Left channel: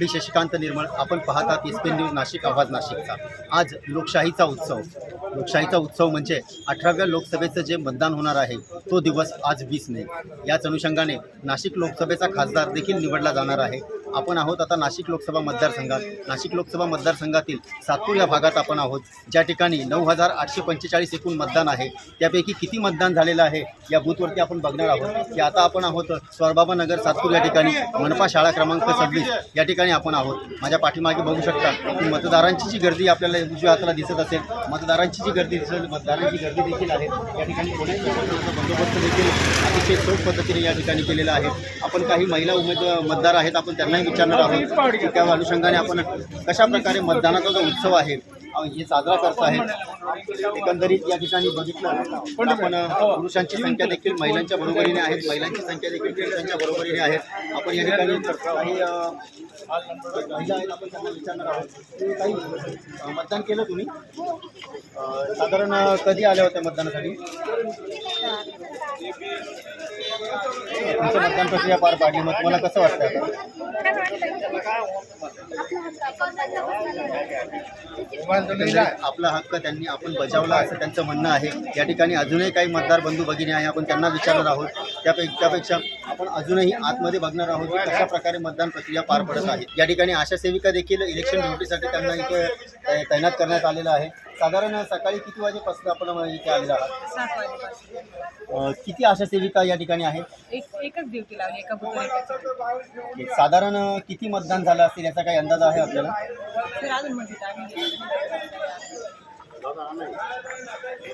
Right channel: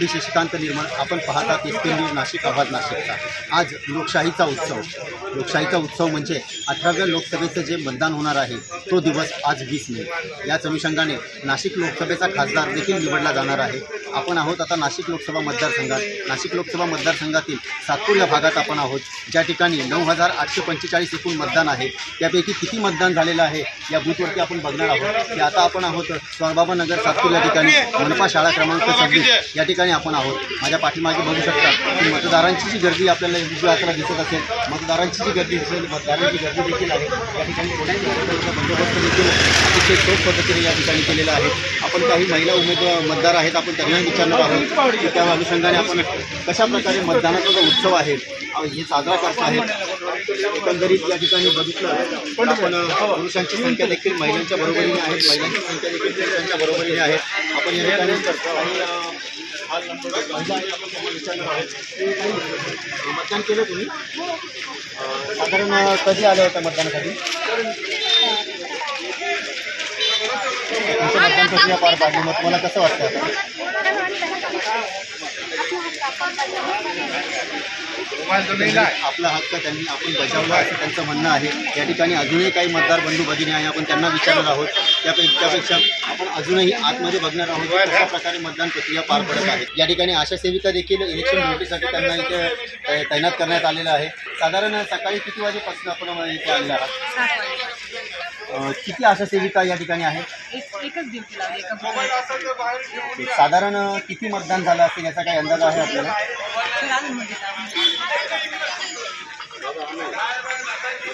मी शशिकांत निर्मळ आपण पाहतात एस पी न्यूज नाशिक आवाज नाशिकचा आज लोकशाहीचा उत्सव. लोकशाहीचा उत्सव म्हणजे अठराव्या लोकसभेचं जे मतदान होणार आहे तो दिवस आज वीस मे. याच अनुषंगाने नाशिक लोकसभेचा खासदार देखील निवडला जाणार आहे. आपण आहोत आता नाशिक लोकसभा मतदारसंघात. नाशिक लोकसभा मतदारसंघातील सातपूर या भागात आपण आहोत. ज्या ठिकाणी नऊ हजार आठशे पंचेचाळीस एकूण मतदान आहे. त्यापैकी किती मतदान झालेलं आहे या बूथवरती आपण बघणार आहोत. की आता आपण आहोत स्वारबाबा नगर सातपूर या ठिकाणी मनपा शाळा क्रमांक सव्वीस या ठिकाणी आपण आहोत. माझ्या पाठीमागे बघू शकता की मतदारांची जी गर्दी आपल्याला उजव्या हाताला दिसत असेल मतदारांची जी गर्दी दिसेल मतदारांची गर्दी देखील आहे. या ठिकाणी बंदोबस्त देखील अतिशय चोख पद्धतीने या ठिकाणी केलेला आहे. आपण काही महिला उमेदवार मतदार आहेत आपण त्यांनाही विचारणार आहोत की त्या अनुषंगाने आपण कशा प्रकारे मतदानाचा जो उत्सव आहे हे साजरा करत आहेत. एकंदरीत या ठिकाणी बघितलं आपण पुरुषांची संख्या देखील महिलांच्या बरोबरीने आहे महिलांची संख्या देखील पुरुषांच्या बरोबरीने आहे. आपण या ठिकाणी आपण विचारणार आहोत. की काही मतदान केलं तुम्ही? साधारण कधी आले होते मतदानासाठी? तुमचं मतदान प्रक्रिया पार पाडली? मग तुम्हाला कसं वाटतं आता? आपला हक्क त्यांनी आपण बजावला असं त्यांचं म्हणणं आहे. या ठिकाणी अजूनही काही मतदार बंधू भगिनी आहे आपण त्यांना विचारणार आहोत. त्यापैकी त्यापेक्षा आपण अजूनही आतमध्ये बघणार आहोत की कशा प्रकारे मतदान प्रक्रिया पार पडत आहे. या ठिकाणी आशा सेविका देखील इलेक्शन ड्युटीसाठी त्यांना इथे तैनात करण्यात आलेलं आहे. साधारण सकाळी किती वाजेपासून आपण इथे आलेला आहात? किती आशा सेविका या ठिकाणी आहेत? एक एकच ड्युटी लावली एका बुथवर एक साधारण किती मतदान झालं असेल याचा काही अंदाज आहे आपल्याला? झाला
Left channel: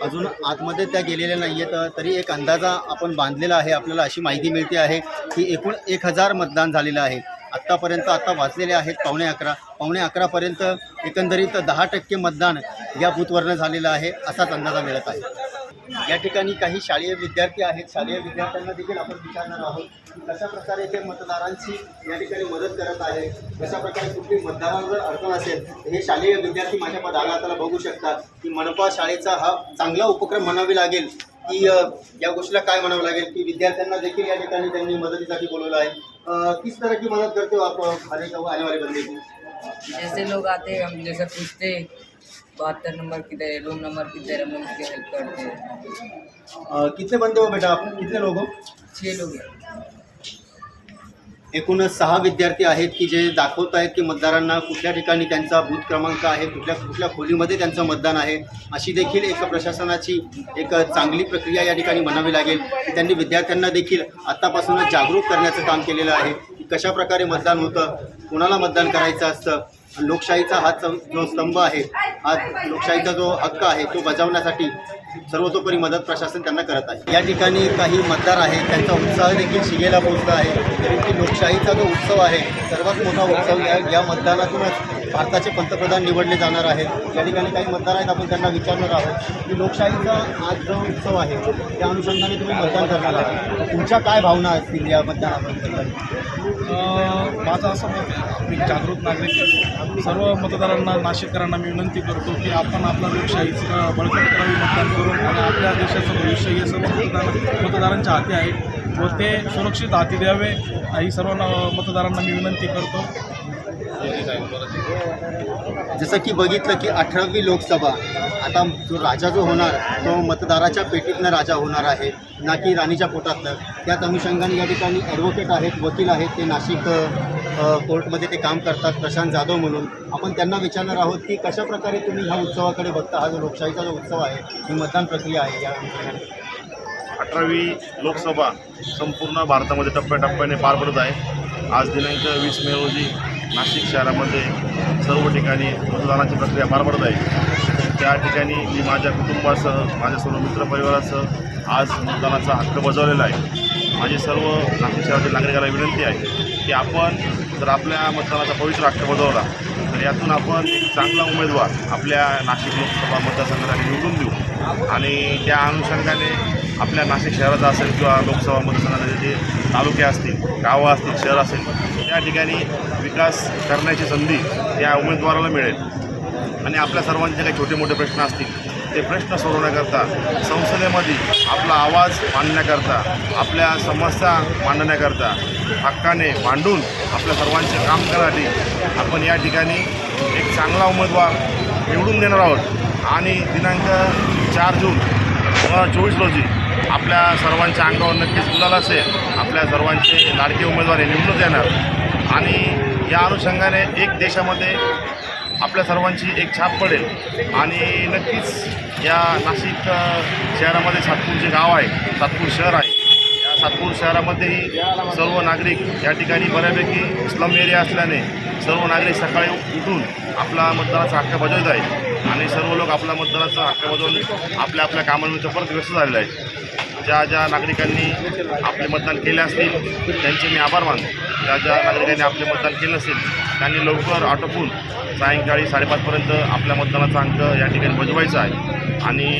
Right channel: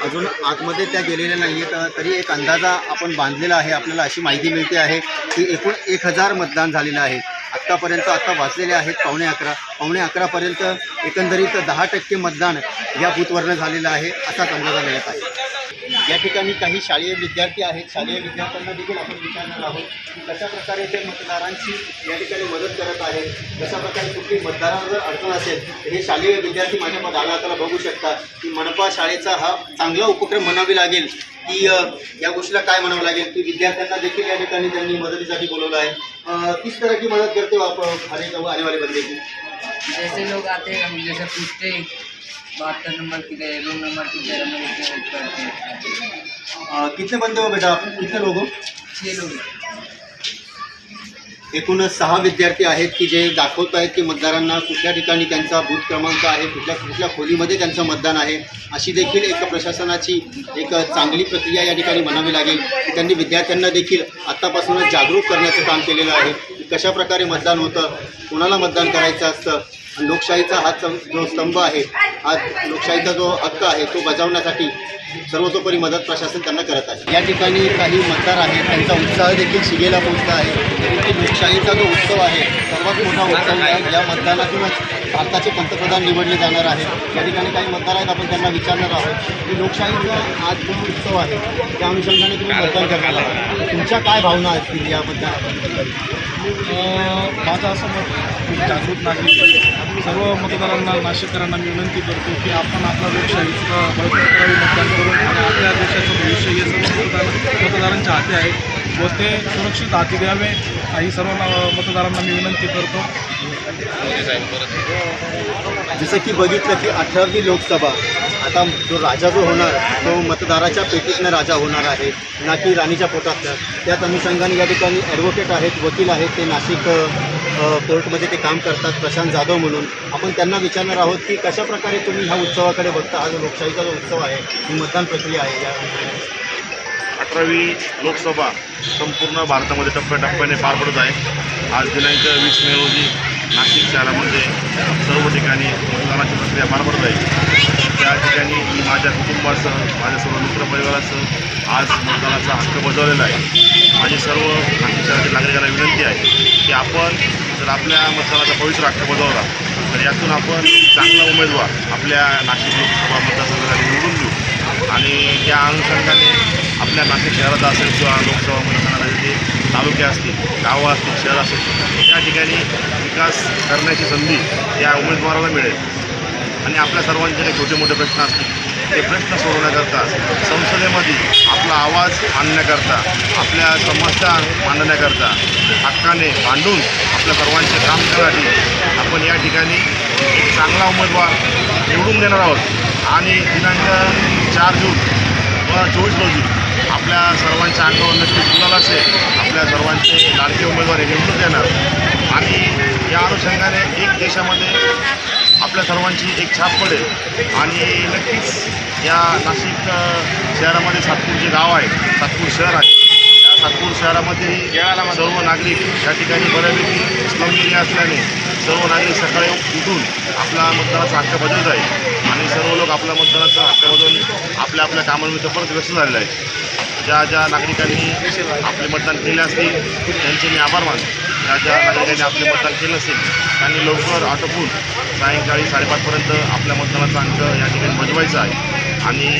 अजून आतमध्ये त्या गेलेल्या नाही आहेत तरी एक अंदाजा आपण बांधलेला आहे. आपल्याला अशी माहिती मिळते आहे की एकूण एक हजार मतदान झालेलं आहे. आत्तापर्यंत आता वाचलेले आहेत पावणे अकरा. पावणे अकरापर्यंत एकंदरीत दहा टक्के मतदान या बूथवरनं झालेलं आहे असाच अंदाजा मिळत आहे. या ठिकाणी काही शालेय विद्यार्थी आहेत. शालेय विद्यार्थ्यांना देखील आपण विचारणार आहोत की कशा प्रकारे ते मतदारांची या ठिकाणी मदत करत आहेत? कशा प्रकारे कुठली मतदारांना जर अडचण असेल तर हे शालेय विद्यार्थी माझ्या डाव्या बघू शकतात. की मनपा शाळेचा हा चांगला उपक्रम म्हणावी लागेल. की या गोष्टीला काय म्हणावं लागेल? की विद्यार्थ्यांना देखील या ठिकाणी त्यांनी मदतीसाठी बोलवलं आहे. किस तरह की मदत करते आपण आप आने आने वाले बंदे की? जैसे लोग आते हैं हम जैसे पूछते हैं बहत्तर नंबर किधर है रूम नंबर किधर है हम उसकी हेल्प करते हैं। अ, कितने बंदे हो बेटा आप? कितने लोग हो? छः लोग। हैं। एकूण सहा विद्यार्थी आहेत की जे दाखवत आहेत की मतदारांना कुठल्या ठिकाणी त्यांचा बूथ क्रमांक आहे कुठल्या कुठल्या खोलीमध्ये त्यांचं मतदान आहे अशी देखील एक प्रशासनाची एक चांगली प्रक्रिया या ठिकाणी म्हणावी लागेल की त्यांनी विद्यार्थ्यांना देखील आत्तापासूनच जागरूक करण्याचं काम केलेलं आहे की कशा प्रकारे मतदान होतं कोणाला मतदान करायचं असतं आणि लोकशाहीचा हा चं- जो स्तंभ आहे हा लोकशाहीचा जो हक्क आहे तो बजावण्यासाठी सर्वतोपरी मदत प्रशासन त्यांना करत आहे. या ठिकाणी काही मतदार आहेत त्यांचा उत्साह देखील शिगेला पोहोचला आहे. की लोकशाहीचा जो उत्सव आहे सर्वात मोठा उत्सव या या मतदानातूनच भारताचे पंतप्रधान निवडले जाणार आहेत. या ठिकाणी काही मतदार आहेत आपण त्यांना विचारणार आहोत की लोकशाहीचा आज जो उत्सव आहे त्या अनुषंगाने तुम्ही मतदान करणार आहात. तुमच्या काय भावना असतील या मतदानाबद्दल? माझं असं मत जागृत नागरिक सर्व मतदारांना नाशिककरांना मी विनंती करतो की आपण आपला लोकशाहीचा बळकट करावी मतदान करून आणि आपल्या देशाचं भविष्य हे सर्व मतदार मतदारांच्या हाती आहे व ते सुरक्षित हाती द्यावे. ही सर्व मतदारांना मी विनंती करतो. जसं की बघितलं की अठरावी लोकसभा आता जो राजा जो होणार तो मतदाराच्या पेटीतनं राजा होणार आहे ना की राणीच्या पोटातनं. त्यात अनुषंगाने या ठिकाणी ॲडव्होकेट आहेत वकील आहेत ते नाशिक कोर्टमध्ये ते काम करतात प्रशांत जाधव म्हणून. आपण त्यांना विचारणार आहोत की कशा प्रकारे तुम्ही ह्या उत्सवाकडे बघता? हा जो लोकशाहीचा जो उत्सव आहे ही मतदान प्रक्रिया आहे या अठरावी लोकसभा संपूर्ण भारतामध्ये टप्प्याटप्प्याने पार पडत आहे. आज दिनांक वीस मे रोजी नाशिक शहरामध्ये सर्व ठिकाणी मतदानाची प्रक्रिया पार पडत आहे. त्या ठिकाणी मी माझ्या कुटुंबासह माझ्या सर्व मित्रपरिवारासह आज मतदानाचा हक्क बजावलेला आहे. माझी सर्व नाशिक शहरातील नागरिकांना विनंती आहे की आपण जर आपल्या मतदानाचा पवित्र हक्क बजावला. तर यातून आपण एक चांगला उमेदवार आपल्या नाशिक लोकसभा मतदारसंघासाठी निवडून देऊ. आणि त्या अनुषंगाने आपल्या नाशिक शहराचा असेल किंवा लोकसभा मतदारसंघाचे जे तालुके असतील गावं असतील शहर असेल त्या ठिकाणी विकास करण्याची संधी या उमेदवाराला मिळेल. आणि आपल्या सर्वांचे काही छोटे मोठे प्रश्न असतील ते प्रश्न सोडवण्याकरता संसदेमध्ये आपला आवाज मांडण्याकरता आपल्या समस्या मांडण्याकरता हक्काने मांडून आपल्या सर्वांचे काम करण्यासाठी आपण या ठिकाणी एक चांगला उमेदवार निवडून देणार आहोत. आणि दिनांक चार जून दोन हजार चोवीस रोजी आपल्या सर्वांच्या अंगावर नक्कीच गुलाल असेल. आपल्या सर्वांचे लाडके उमेदवार हे निवडून येणार आणि या अनुषंगाने एक देशामध्ये आपल्या सर्वांची एक छाप पडेल. आणि नक्कीच या नाशिक शहरामध्ये सातपूर जे गाव आहे सातपूर शहर आहे या सातपूर शहरामध्येही सर्व नागरिक या ठिकाणी बऱ्यापैकी स्लम एरिया असल्याने सर्व नागरिक सकाळी उठून आपला मतदानाचा हक्क बजावत आहे आणि सर्व लोक आपल्या मतदानाचा हक्क बजावून आपल्या आपल्या कामांमध्ये परत व्यस्त झालेले आहेत. ज्या ज्या नागरिकांनी आपले मतदान केले असतील त्यांचे मी आभार मानतो. या ज्या नागरिकांनी आपले मतदान केलं असेल त्यांनी लवकर आटोपून सायंकाळी साडेपाचपर्यंत आपल्या मतदानाचा अंक या ठिकाणी बजवायचा आहे. आणि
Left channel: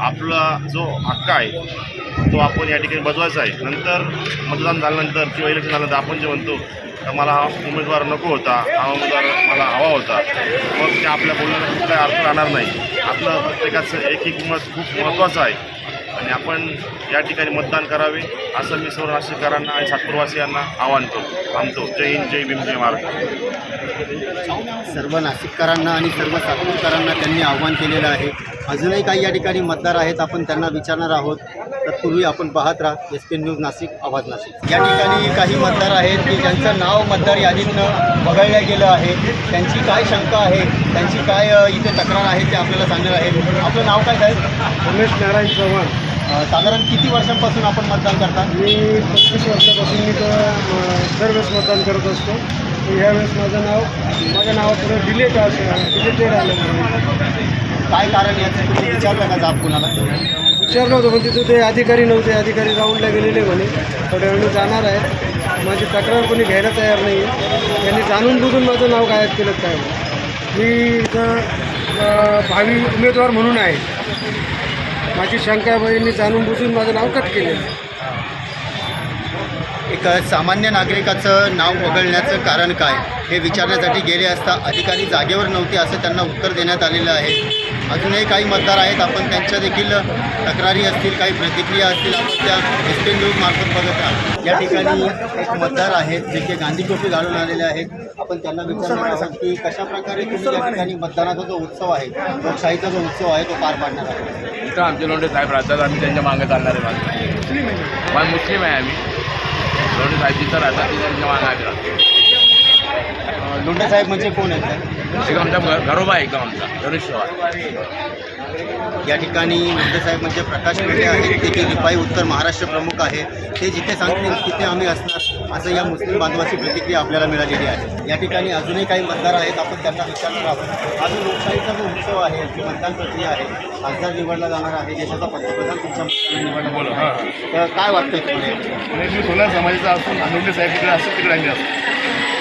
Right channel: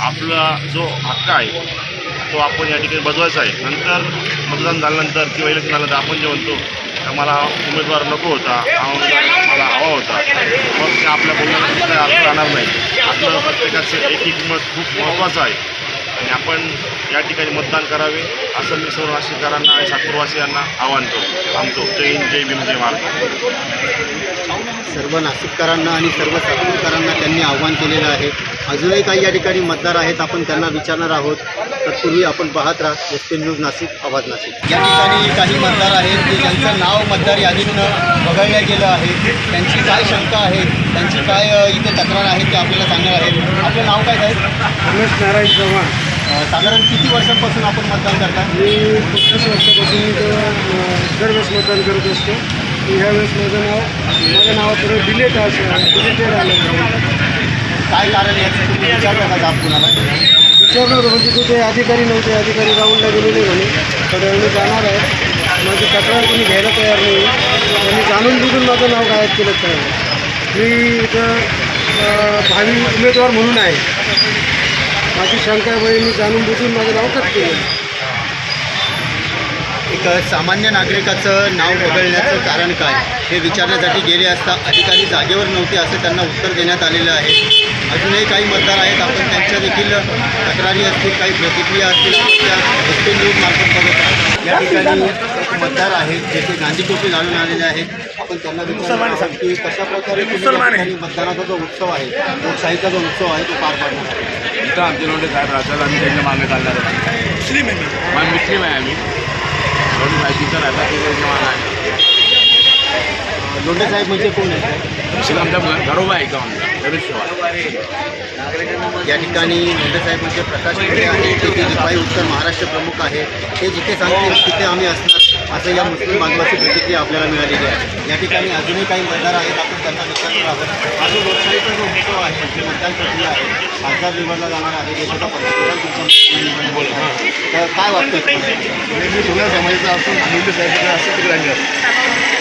आपला जो हक्क आहे तो आपण या ठिकाणी बजवायचा आहे. नंतर मतदान झाल्यानंतर किंवा इलेक्शन झाल्यानंतर आपण जे म्हणतो मला हा उमेदवार नको होता हा उमेदवार मला हवा होता. मग ते आपल्या बोलण्याला कुठे अर्थ राहणार नाही. आपलं प्रत्येकाचं एक एक मत खूप महत्त्वाचं आहे. आणि आपण या ठिकाणी मतदान करावे असं मी सर्व नाशिककरांना आणि सातपूरवासियांना आवाहन करतो. थांबतो जय हिंद जय भीम जय महाराज सर्व नाशिककरांना आणि सर्व सातपूरकरांना त्यांनी आव्हान केलेलं आहे. अजूनही काही या ठिकाणी मतदार आहेत आपण त्यांना विचारणार आहोत. तत्पूर्वी आपण पाहत राहा एस पी न्यूज नाशिक आवाज नाशिक. या ठिकाणी काही मतदार आहेत की ज्यांचं नाव मतदार यादीतनं वगळलं गेलं आहे. त्यांची काय शंका आहे? त्यांची काय इथे तक्रार आहे ते आपल्याला सांगणार आहे आपलं नाव काय साहेब? रमेश नारायण चव्हाण. साधारण किती वर्षांपासून आपण मतदान करता? मी पस्तीस वर्षापासून दरवेळेस मतदान करत असतो. ह्यावेळेस माझं नाव माझं नाव पुढे डिलेट असं डिलेटेड आलं. काय कारण याचं तुम्ही विचारलं का कुणाला? विचारलं होतं पण तिथे ते अधिकारी नव्हते. अधिकारी राऊंडला गेलेले म्हणे वेळाने जाणार आहे. माझी तक्रार कोणी घ्यायला तयार नाही. त्यांनी जाणून बुजून माझं नाव गायब केलं काय मी इथं भावी उमेदवार म्हणून आहे. माझी शंका आहे मी जाणून बुजून माझं नाव कट केलं. एक सामान्य नागरिकाचं नाव वगळण्याचं कारण काय? हे विचारण्यासाठी गेले असता अधिकारी जागेवर नव्हते असं त्यांना उत्तर देण्यात आलेलं आहे. अजूनही काही मतदार आहेत. आपण त्यांच्या देखील तक्रारी असतील काही प्रतिक्रिया असतील आपण त्या एस पी न्यूज मार्फत बघत या ठिकाणी एक मतदार आहेत जेथे गांधी टोपी घालून आलेले आहेत आपण त्यांना विचारणार आहोत की कशा प्रकारे तुम्ही या ठिकाणी मतदानाचा जो उत्सव आहे लोकशाहीचा जो उत्सव आहे तो पार पाडणार आहे इथं आमचे लोंढे साहेब राहतात आम्ही त्यांच्या मागे चालणार आहे. मुस्लिम आहे मुस्लिम आहे आम्ही. लोंढे साहेब जिथं राहतात तिथं मागे लोंढे साहेब म्हणजे कोण आहेत तिथं आमच्या घर- घरोबा आहे एकदम आमचा गणेश शिवाय या ठिकाणी साहेब म्हणजे प्रकाश मुंडे आहेत ते ते रिपाई उत्तर महाराष्ट्र प्रमुख आहे. ते जिथे सांगतील तिथे आम्ही असणार. असं या मुस्लिम बांधवाची प्रतिक्रिया आपल्याला मिळालेली आहे. या ठिकाणी अजूनही काही मतदार आहेत. आपण त्यांना विचारणार आहोत अजून लोकशाहीचा जो उत्सव आहे जी मतदान प्रक्रिया आहे खासदार निवडला जाणार आहे देशाचा पंतप्रधान तुमच्या मतदान निवडला आहे. तर काय वाटतं? मी तुला समाजाचा असून लोंढे साहेब असेल तिकडे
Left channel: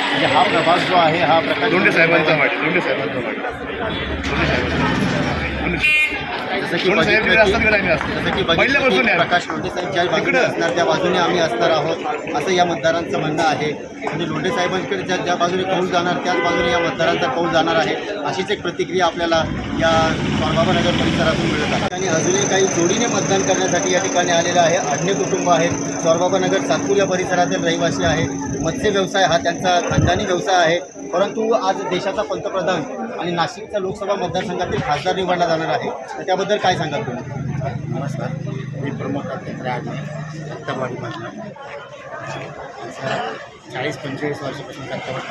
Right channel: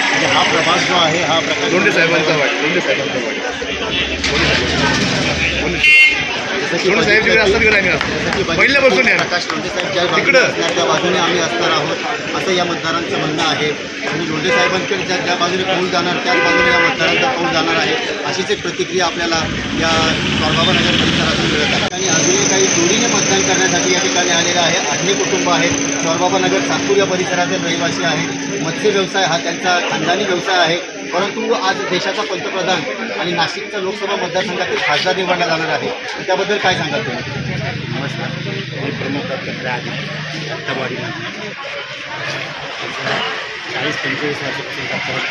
म्हणजे हा प्रभाग जो आहे हा प्रकाश लोंढे साहेबांचा वाट लोंढे साहेबांचा वाट जसं की लोंढे साहेब तिकडे असतात तिकडे आम्ही असतो जसं की बघितलं. प्रकाश लोंढे साहेब ज्या बाजूने. असणार त्या बाजूने आम्ही असणार आहोत असं या मतदारांचं म्हणणं आहे. म्हणजे लोंढे साहेबांकडे ज्या ज्या बाजूने कौल जाणार त्याच बाजूने या मतदारांचा कौल जाणार आहे. अशीच एक प्रतिक्रिया आपल्याला या नगर परिसरातून मिळत आहे. आणि अजूनही काही जोडीने मतदान करण्यासाठी या ठिकाणी आलेलं आहे. आधे कुटुंब आहेत नगर सातपूर या परिसरातील रहिवासी आहेत. मत्स्य व्यवसाय हा त्यांचा खानदानी व्यवसाय आहे. परंतु आज देशाचा पंतप्रधान आणि नाशिकचा लोकसभा मतदारसंघातील खासदार निवडला जाणार आहे. त्याबद्दल काय सांगाल तुम्ही? नमस्कार. मी प्रमुख अध्यक्ष आहे दत्तवाडीमध्ये चाळीस पंचेचाळीस वर्षापासून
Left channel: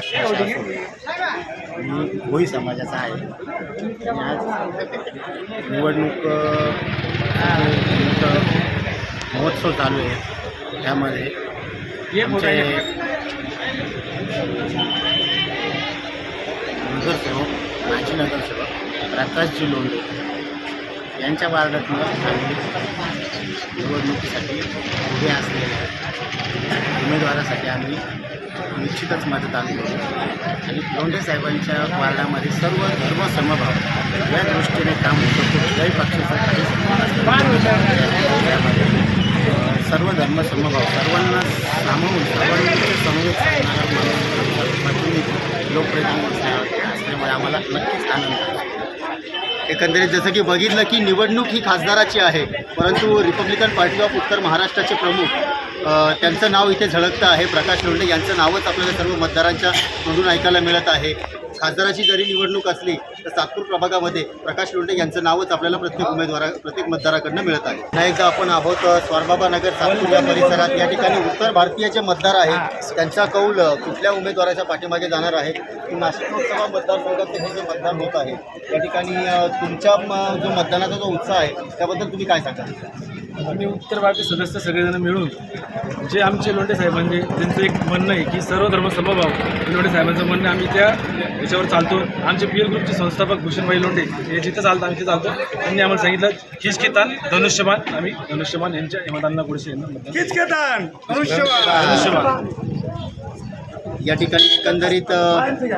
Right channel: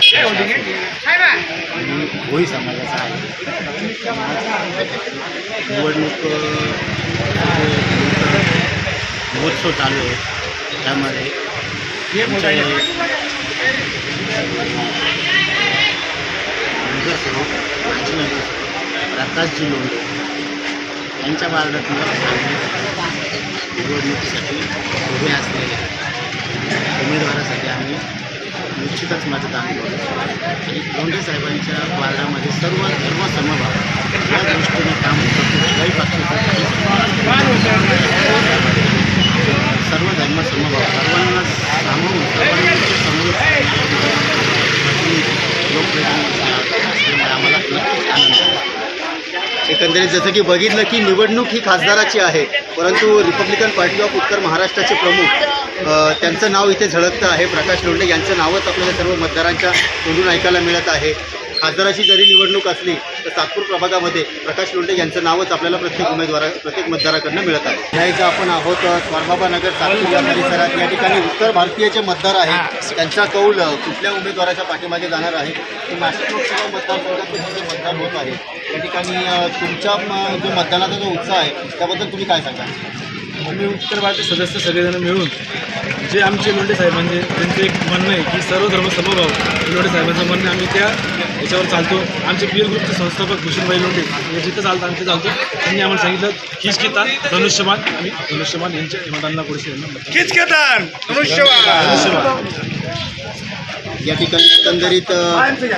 मी भोई समाजाचा आहे. आज निवडणूक महोत्सव चालू आहे. त्यामध्ये आमचे नगरसेवक माजी नगरसेवक प्रकाशजी लोंढे यांच्या वार्डातनं निवडणुकीसाठी उभे असलेल्या उमेदवारासाठी आम्ही निश्चितच मतदान करू. आणि लोंढे साहेबांच्या वार्डामध्ये सर्व धर्म समभाव या दृष्टीने काम करतो कुठल्याही पक्षाचं काही सर्व धर्म समभाव सर्वांना सामावून सर्वांचे समवेत लोकप्रतिनिधी त्यामुळे आम्हाला. नक्कीच आनंद आहे एकंदरीत जसं की बघितलं की निवडणूक ही खासदाराची आहे परंतु रिपब्लिकन पार्टी ऑफ उत्तर महाराष्ट्राचे प्रमुख त्यांचं नाव इथे झळकतं आहे. प्रकाश लोंढे यांचं नावच आपल्याला सर्व मतदारांच्या तोंडून ऐकायला मिळत आहे. खासदाराची जरी निवडणूक असली तर सातपूर प्रभागामध्ये प्रकाश लोंढे यांचं नावच आपल्याला प्रत्येक उमेदवारा प्रत्येक मतदाराकडनं मिळत आहे. या इथं आपण आहोत स्वारबाबा नगर सातपूर या परिसरात. या ठिकाणी उत्तर भारतीय जे मतदार आहेत. त्यांचा कौल कुठल्या उमेदवाराच्या पाठीमागे जाणार आहे? की नाशिक लोकसभा मतदारसंघाचं हे जे मतदान होत आहे या ठिकाणी तुमच्या म, जो मतदानाचा जो उत्साह आहे त्याबद्दल तुम्ही काय सांगा आम्ही उत्तर भारतीय सदस्य सगळेजण मिळून जे आमचे लोंढे साहेबांचे त्यांचं एक म्हणणं आहे की सर्व धर्म समभाव हे लोंढे साहेबांचं म्हणणं आम्ही त्या याच्यावर चालतो. आमचे पी एल ग्रुपचे संस्थापक भूषणभाई लोंढे हे जिथं चालतं आमचे चालतो त्यांनी आम्हाला सांगितलं हिचकिता धनुष्यबाण. आम्ही धनुष्यबाण यांच्या मतदानाला पुढे यांना धनुष्यबाण. या ठिकाणी एकंदरीत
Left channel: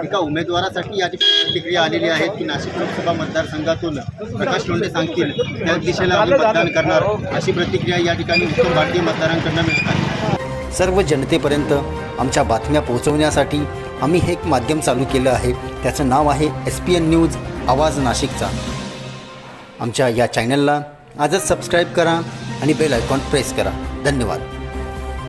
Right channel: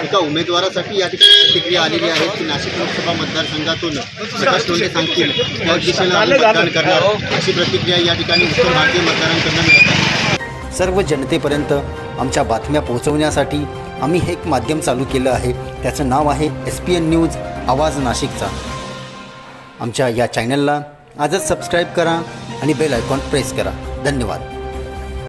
एका उमेदवारासाठी या ठिकाणी प्रतिक्रिया आलेली आहे की नाशिक लोकसभा मतदारसंघातून प्रकाश लोंढे सांगतील त्याच दिशेला आम्ही मतदान करणार अशी प्रतिक्रिया या ठिकाणी उत्तर भारतीय मतदारांकडून मिळत आहे. सर्व जनतेपर्यंत आमच्या बातम्या पोहोचवण्यासाठी आम्ही हे एक माध्यम चालू केलं आहे. त्याचं नाव आहे एस पी एन न्यूज आवाज नाशिकचा. आमच्या या चॅनलला आजच सबस्क्राईब करा आणि बेल आयकॉन प्रेस करा. धन्यवाद.